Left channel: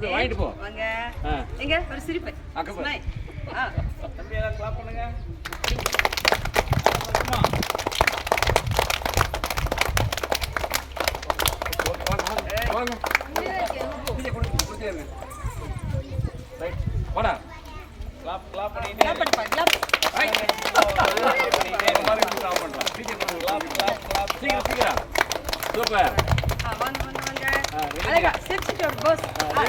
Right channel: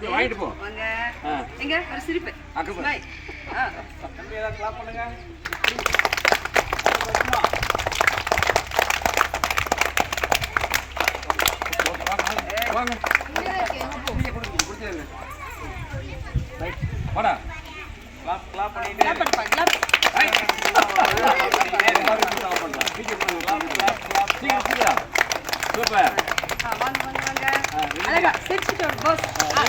கொடுத்து வாங்கிட்டு போ. எங்க? ஒரு சிரிப்பு. தம்பி ஏதாவது கிளாப் பண்ணுங்க. வாங்க. ரைட் வாடா. கிளாப் கிளாப் பண்ணிட்டே. கிளாப் கிளாப் ரைட் பண்ணலாம் சீக்கிரம் கிளாப் சீக்கிரம் சீக்கிரம். சூப்பர் ஆ வாங்க வாங்க வாங்க ஆ, ஆ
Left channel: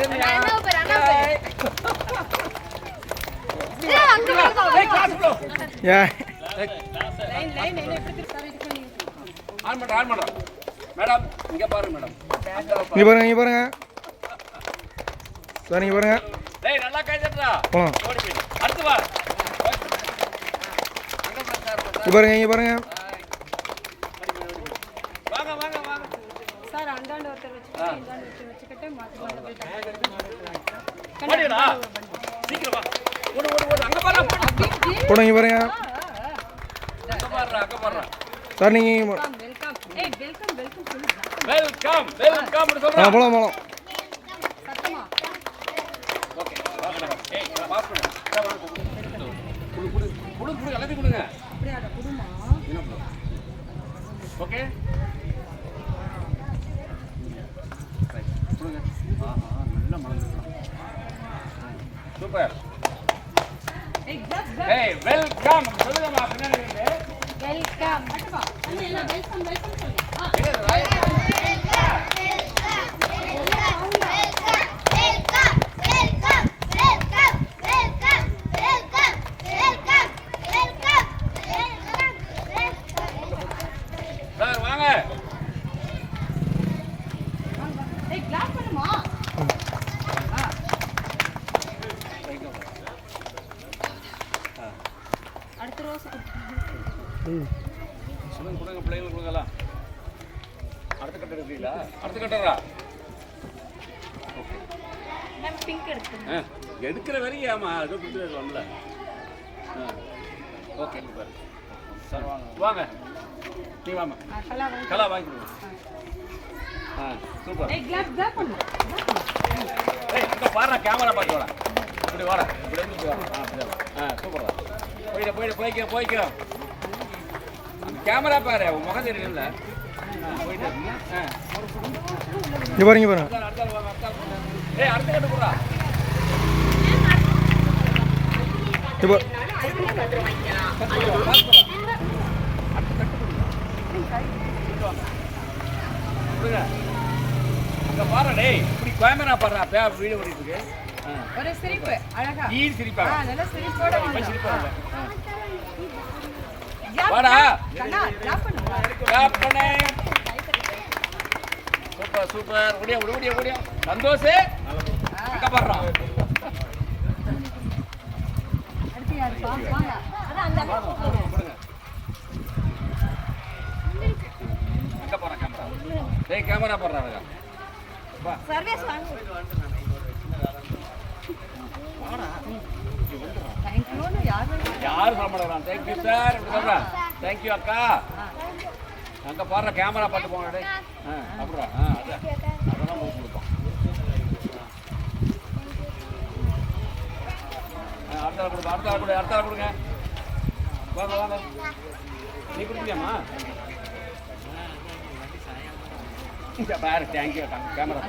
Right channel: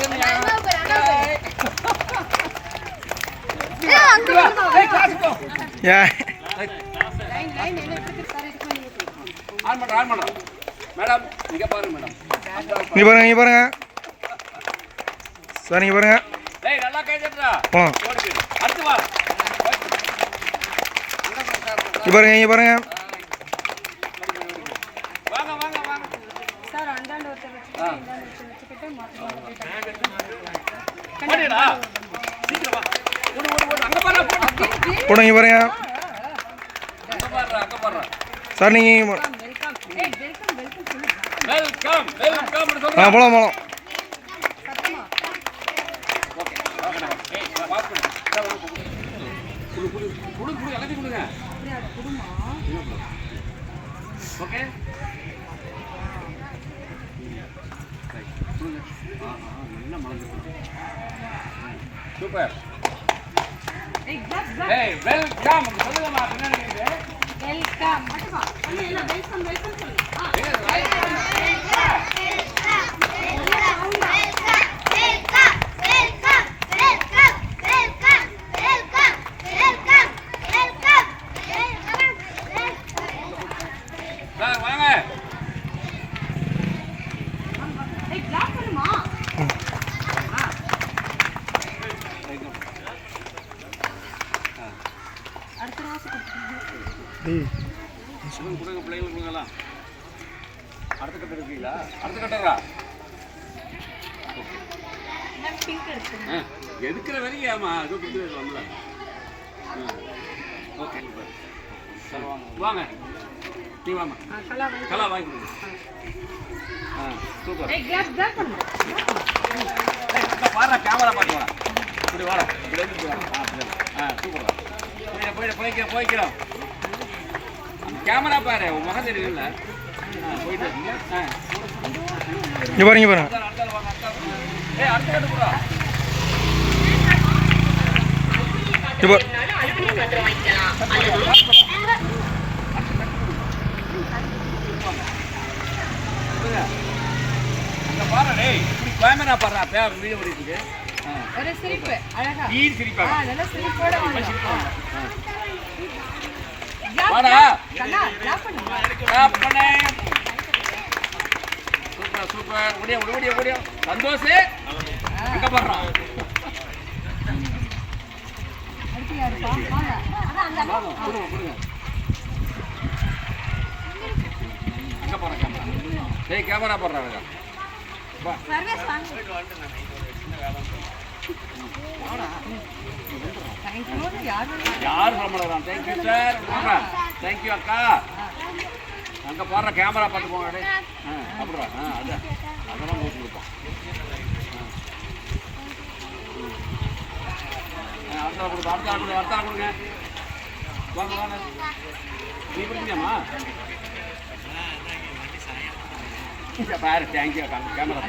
கிளாஸ் ப்ரோ ஏன் லைன் லைன் என்ன எப்படி சார் இது பண்ணி ஆன் பண்ணுறோம் ஆன் பண்ணுறோம் மேடம் இங்கே பாருங்க மேடம். நீ பாருங்க நீ பாருங்க. சார் நீங்கள் பாருங்க. டேய் நல்லா கை தட்டுறா போகலாம் ஓடி போயிடு அடுத்து வா. நீ பாருங்க நீ பாருங்க. வாங்க வாங்க வாங்க. சார் அந்தாண்ட ஒருத்தர் வச்சுக்கிட்டு ஆ. இந்தாண்ட ஒருத்தர் வச்சுக்கிட்டு மாற்றி மாற்றி போடு. போடுங்க பாருங்க சார் வெல்கம் ஏய் வெல்கம் வெல்கம் சொல்லு வெல்கம் வெல்கம் ஆ சொல்கிறேன் போகலாம் போகலாம் சத்தமா ஓகே பார்க்கணும் ஏய் பாஸ் பண்ணு இந்தா வாங்க குடு குடு குடு குடு எல்லாத்தையும் கொடுங்க அப்படியே அதை குடுமா ஓகே கொடுங்க ஆ ஆ நல்லா மறந்துருக்கலாம் சூப்பர். ஏய் வெல்கம். சொல்லுங்கம்மா பின்னாடி வெல்கம். வெல்கம் வெல்கம் சொல்லு ஆ எங்க இது வாய்? சார் வாங்க ஏய் கிளாப் பண்ணுமா அடுத்த ரோஸ் கொடுங்க கொடுங்க பிள்ளைங்களுக்கு கொடுங்கலாம் அடுத்த கட்டு இருக்கீங்களா அடுத்த கட்டுறா ஓகே பிங்க் ஆ எடுக்கிற வரைக்கும் ஆமா ஏதோ கொடுத்து வரல ஓகே சார் வாங்க வாங்க நீ வாங்க கலா வாங்கி ஆ சூப்பர் ஏய் ஏய் இந்த கேமரா பார்த்து வாடா இப்படி வாடா இப்படி வாடா ஆ அப்படி ஆ போயிட போயிட போய்க்கிறோம் போய்க்கிறோம். கேமரா பாரு உன் முகம் தெரியும்ல. போயிட்டு ஆ. பாருங்க பாருங்க அடுத்த வாங்க கட்டு இப்போ அங்க பாரு டேய் இப்படி கேமரா பாருடா பே வீடியோ இருக்கு. ஆ ஒரு சிரிப்பு அழகா. ஈ ஆ சிரிப்பாங்க நல்ல சிரிப்போட ஆ. கிளாப் வாடா. கண்ணா கிளாப் பண்ணுங்க கிளாப் பண்ணு. Super super. ஓடியா ஓடி ஓடியா ஓடியா. சந்தோஷ் அங்க பாடுறான் அடுத்து யாருப்பா வாங்க அதான் அந்த அங்க பாரு கேமரா? டேய் கேமரா சர்வேஸ் வாங்க தேங்க்யூ யார் வேணும் தேங்க்யூ சார் தேங்க்யூ அக்கா. அங்கே போடுற கேமரா பார்த்து போங்க ஆ அப்புறம் ஆ அது அதெல்லாம் ஊற்றி கொடுப்பான் ஆ, அடுத்த கொடுங்க அடுத்த கொடுங்க அடுத்த கொடுங்க. வாங்க வாங்க. நீ கொடுத்தியாமா பாரு தேங்க்யூ அக்கா. கேமரா